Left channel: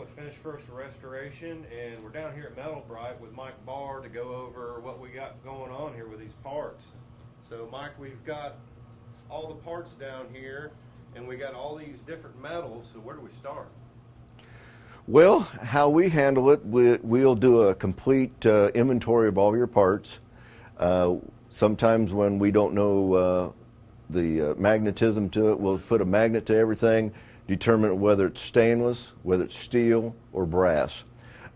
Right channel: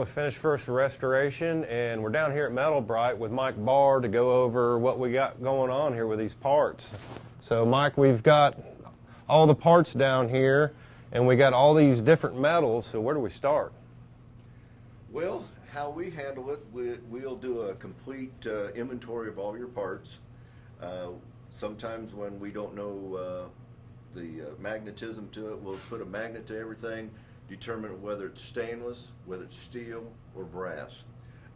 with Finish First Restoration, and we're down here at Metal-Brite with Mike Barr to go over what we got going on here with these parts. So Mike, we've got all the parts down here, and we got all these different metals, so where do we start? Well, how we handle it, we'll do a complete inventory of all your parts. Sometimes when we don't know the magnetism to it, we'll put a magnet to everything, determine whether it's stainless, whether it's steel, or brass.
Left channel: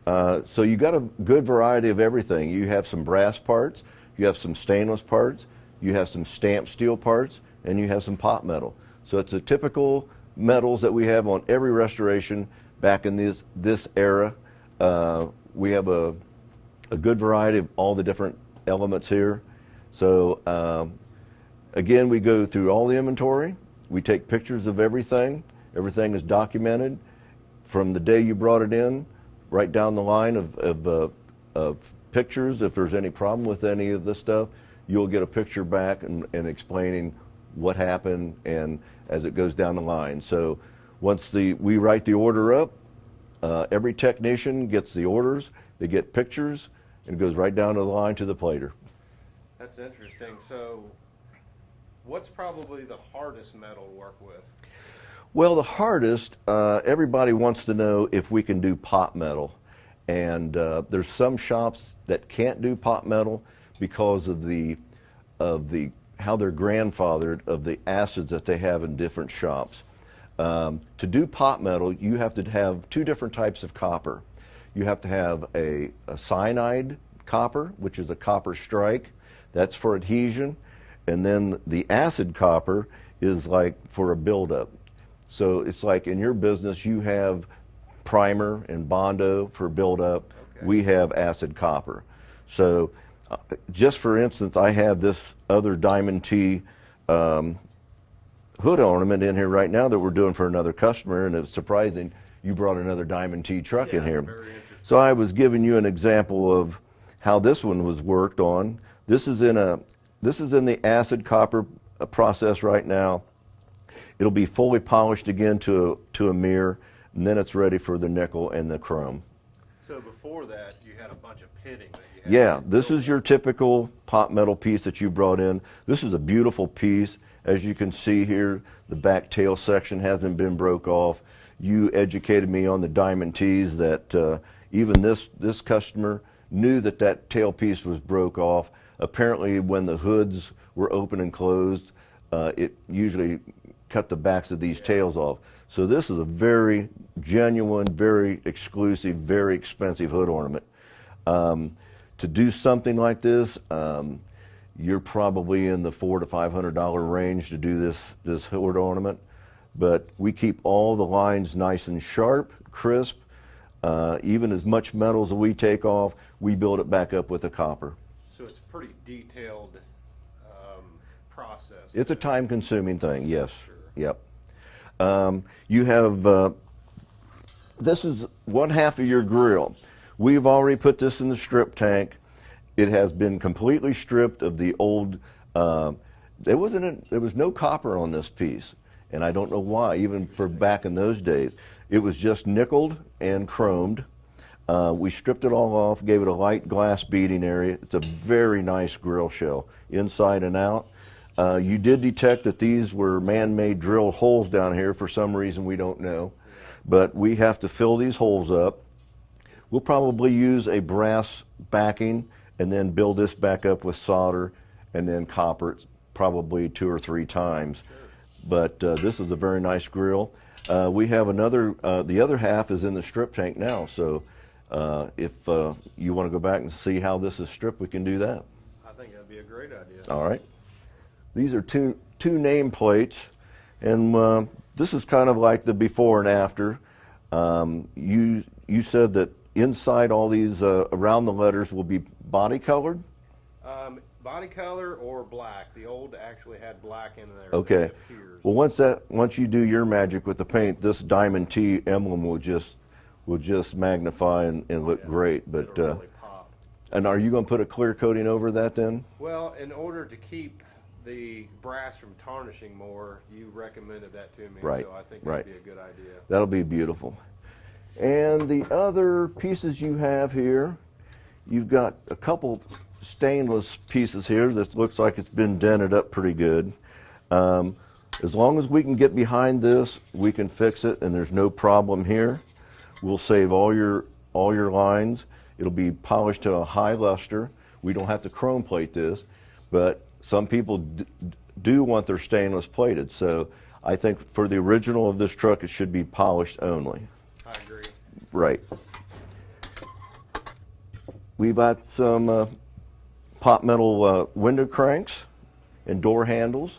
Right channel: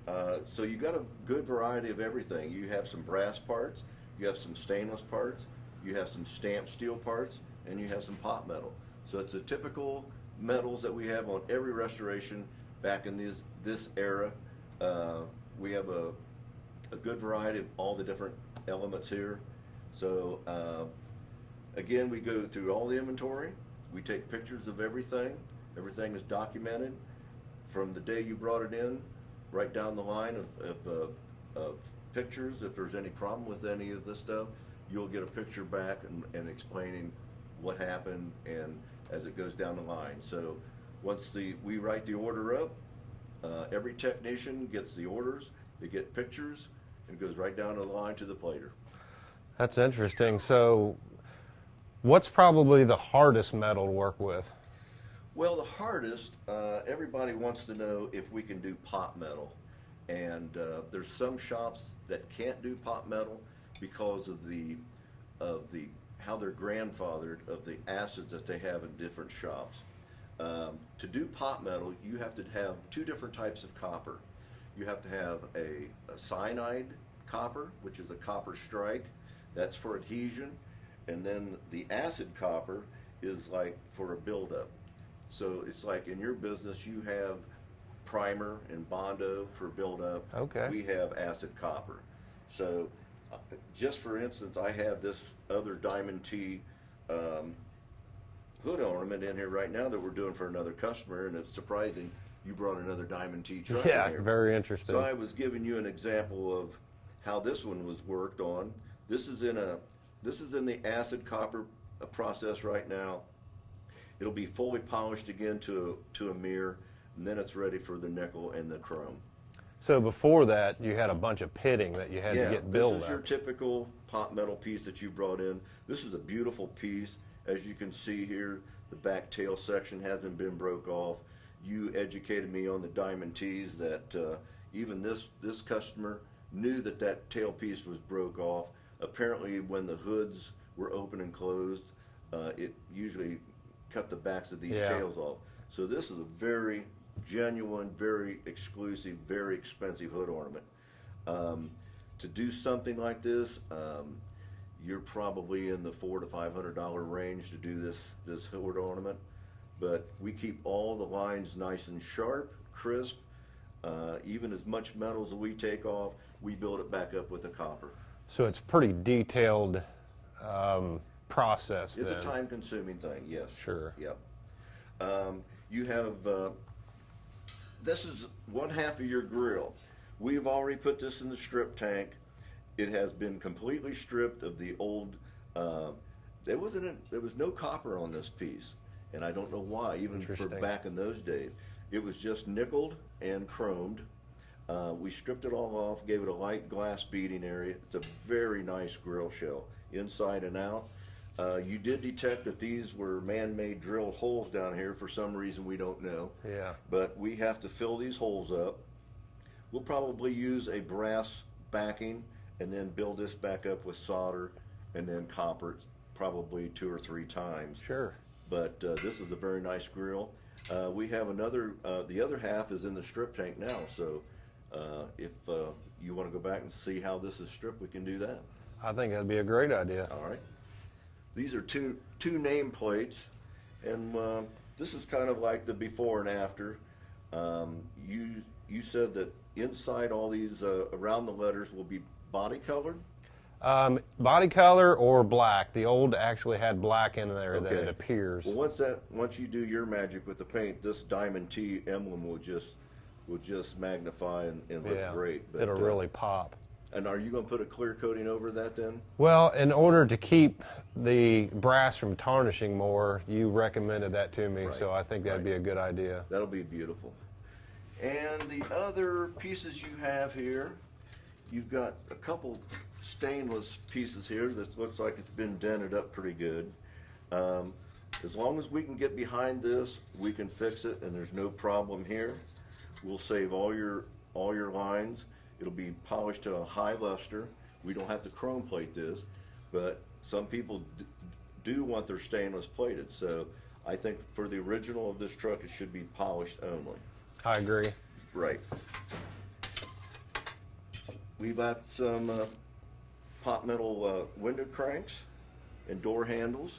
So you got a good variety of everything. You have some brass parts, you have some stainless parts, you have some stamped steel parts, and you have some pot metal. So it's the typical metals that we have on every restoration back in this era. We have a good variety of all the different elements here. So again, we go through all the inventory, we take pictures of everything. Everything is documented from the day you brought it in, right down the line of pictures. If there's any problem with any of this stuff, you'll get a picture back and explaining what happened and as it goes down the line. So once we write the order up, every technician gets the orders, they get pictures, and it goes right down to the line to the plater. That's interesting. So what's probably the hardest metal to work with? Well, the hardest, everybody wants to know if we can do pot metal. And there's some shops that can't do pot metal because of how they're grandfathered of the acids that they have in different shops. To do pot metal, you have to have two different types of copper. You have to have a cyanide copper, which is a copper strike. That's for adhesion. And then the acid copper is like for a buildup. So it's like in your business, you have primer and Bondo for buildup. Okay. We have acid copper. So just for instance, I have this other Diamond T hood ornament in here right now that we're doing for another customer, and it's surprising you brought another Diamond T truck in here. Very interesting. So I was giving you an example of how this one was worked on. This is in the acid copper process right now. It'll be fully polished again to a mirror, and then it's ready for the nickel and the chrome. So before that, you had a bunch of pitting that you had to get this built is your typical pot metal piece that you brought in. This is a beautiful piece. As you can see here, the back tail section hasn't been broke off. You educated me on the Diamond T's that even this customer knew that tail piece was broke off. Apparently when the hoods were open and closed, it usually cut the backs of these tails off. So this is a very genuine, very exclusive, very expensive hood ornament. To do something like this, you're probably in the $400 to $500 range to do this hood ornament. But we keep all the lines nice and sharp, crisp. Even as much metals as we take off, we build it back up with the copper. So it's pretty detailed process. It's then. a time-consuming thing, yes. Sure. Yep. You have, this is one half of your grill. We've already put this in the strip tank. It has been completely stripped of the old, there was no copper on this piece, and I don't know why, even for back in those days. It was just nickeled and chromed. We stripped it all off, gave it a light glass beading area. It's a very nice grill shell, inside and out. You did detect that these were man-made drilled holes down here for some reason we don't know. Yeah. But we have to fill these holes up. We'll probably use a brass backing and then build this back up with solder and then copper it probably 2 or 3 times. Sure. But this is a very nice grill. We have another, the other half is in the strip tank now. So if you want to go back and see how this is stripped, we can do that. I think that'd be a great idea. All right. These are two name plates, and this is kind of like the before and after. You said that inside all these around the letters will be body colored? Body color or black. The old actually had black in there Okay. that appears. Well, once you do your magic with the paint, this Diamond T emblem will just magnify and look great. But it'll really pop. And are you going to put a clear coating over that then? Well, in order to keep the brass from tarnishing more, you recommended that to me, Right, so I think that'd right. be a good idea. That'll be beautiful. And the other pieces you have here, you've got a couple stainless pieces here that looks like it's been dented up pretty good. As long as we can get behind this, we can fix it, and there's no problem here. We'll save all your lines. It'll be polished to a high luster. We don't have to chrome plate this, but some people do want their stainless plated. So I think for the original of this truck, it should be polished only. I agree. Right. We've got some pot metal window cranks and door handles.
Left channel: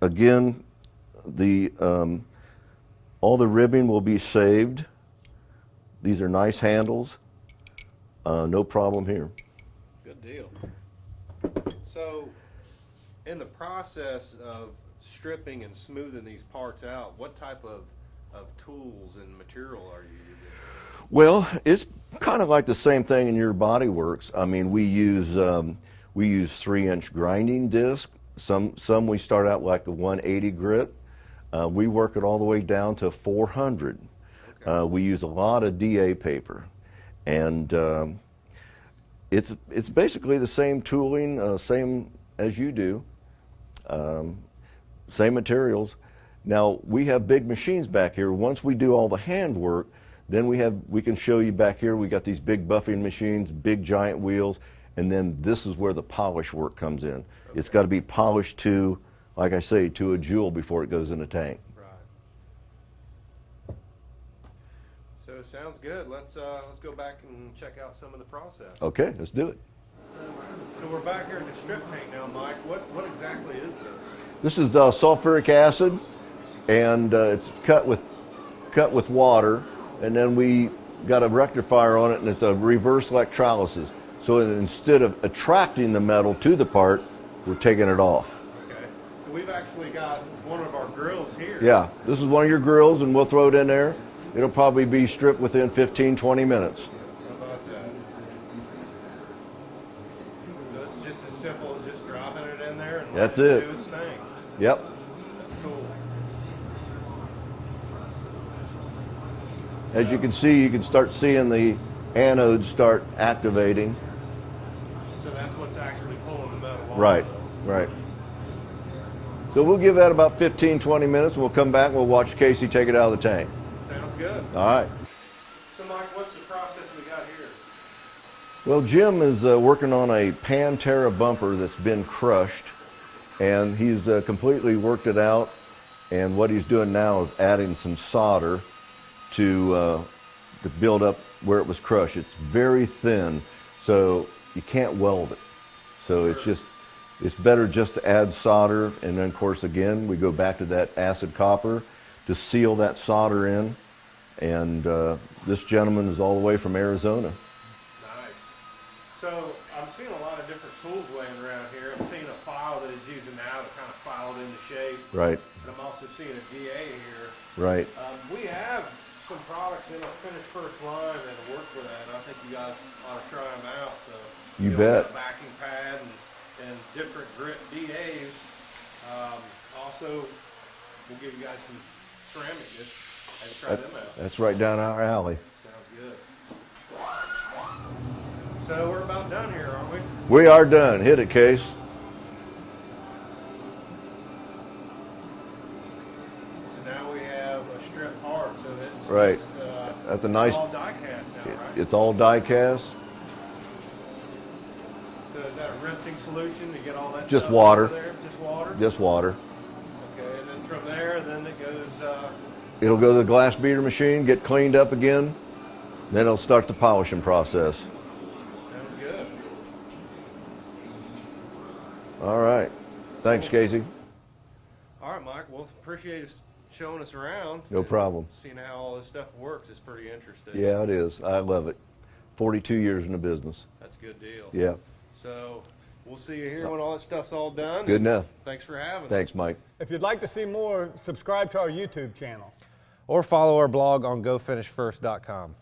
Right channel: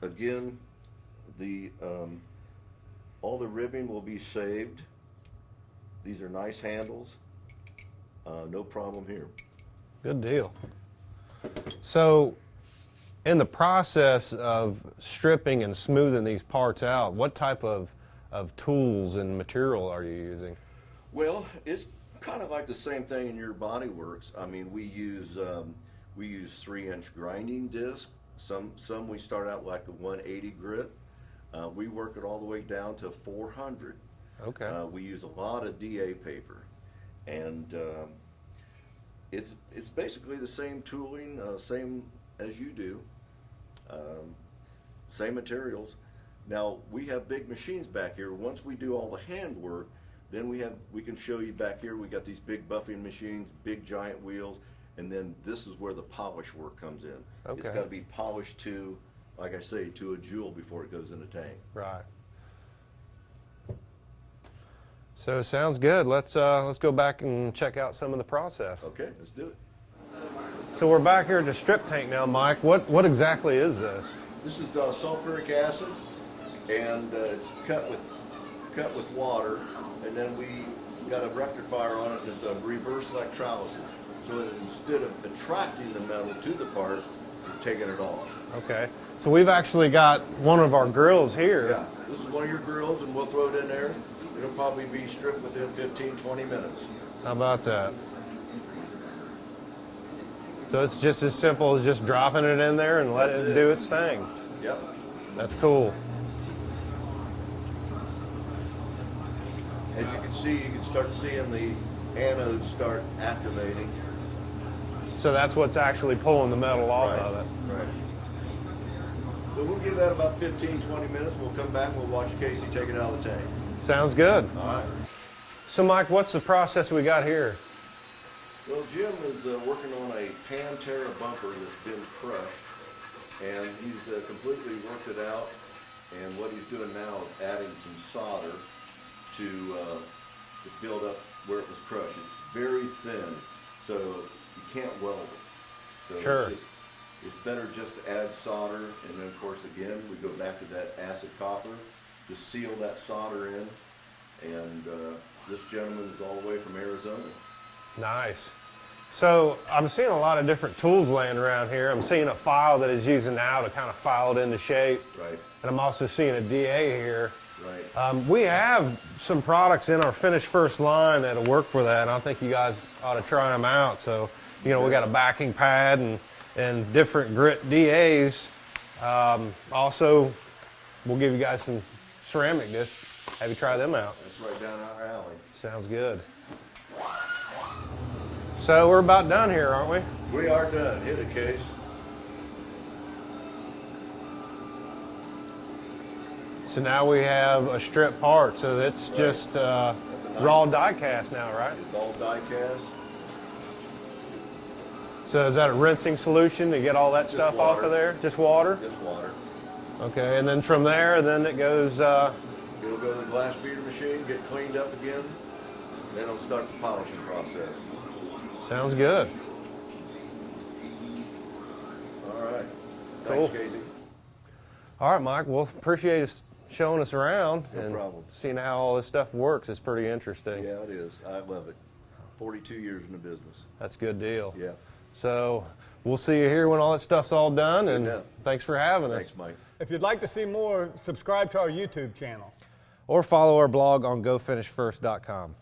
Again, all the ribbing will be saved. These are nice handles. No problem here. Good deal. So, in the process of stripping and smoothing these parts out, what type of tools and material are you using? Well, it's kind of like the same thing in your Body Works. I mean, we use 3-inch grinding disc. Some we start out like a 180 grit. We work it all the way down to 400. Okay. We use a lot of DA paper, and it's basically the same tooling, same as you do, same materials. Now we have big machines back here. Once we do all the hand work, then we can show you back here. We got these big buffing machines, big giant wheels, and then this is where the polish work comes in. Okay. It's got to be polished to, like I say, to a jewel before it goes in the tank. Right. So sounds good. Let's go back and check out some of the process. Okay, let's do it. So we're back here at the strip tank now, Mike. What exactly is this? This is sulfuric acid, and it's cut with water, and then we got a rectifier on it, and it's a reverse electrolysis. So instead of attracting the metal to the part, we're taking it off. Okay. So we've actually got one of our grills here. Yeah, this is one of your grills, and we'll throw it in there. It'll probably be stripped within 15, 20 minutes. How about that? So it's just as simple as just dropping it in there and letting it do its thing. Yep. That's cool. As you can see, you can start seeing the anodes start activating. So that's what's actually pulling the metal off Right, of it. right. So we'll give that about 15, 20 minutes. We'll come back and we'll watch Casey take it out of the tank. Sounds good. All right. So Mike, what's the process we got here? Well, Jim is working on a Pantera bumper that's been crushed, and he's completely worked it out. And what he's doing now is adding some solder to build up where it was crushed. It's very thin, so you can't weld it. So Sure. it's better just to add solder, and then of course again we go back to that acid copper to seal that solder in. And this gentleman is all the way from Arizona. Nice. So I'm seeing a lot of different tools laying around here. I'm seeing a file that he's using now to kind of file it into shape. Right. And I'm also seeing a DA here. Right. We have some products in our Finish First line that'll work for that, and I think you guys ought to try them out. So, you know, we got a backing pad and different grit DAs. Also, we'll give you guys some ceramic discs. Have you try them out? That's right down our alley. Sounds good. So we're about done here, aren't we? We are done. Hit it, Case. So now we have a strip part, so it's Right. just That's a nice. all die cast now, right? It's all die cast. So is that a rinsing solution to get all that Just stuff water. off of there? Just water? Just water. Okay, and then from there, then it goes, It'll go to the glass beater machine, get cleaned up again, then it'll start the polishing process. sounds good. All right. Thanks, Cool. Casey. All right, Mike, well, appreciate us showing us around. No and problem. Seeing how all this stuff works is pretty interesting. Yeah, it is. I love it. 42 years in the business. That's a good deal. Yeah. So we'll see you here when all that stuff's all done. Good and enough. Thanks for having Thanks, us. Mike. If you'd like to see more, subscribe to our YouTube channel. Or follow our blog on GoFinishFirst.com.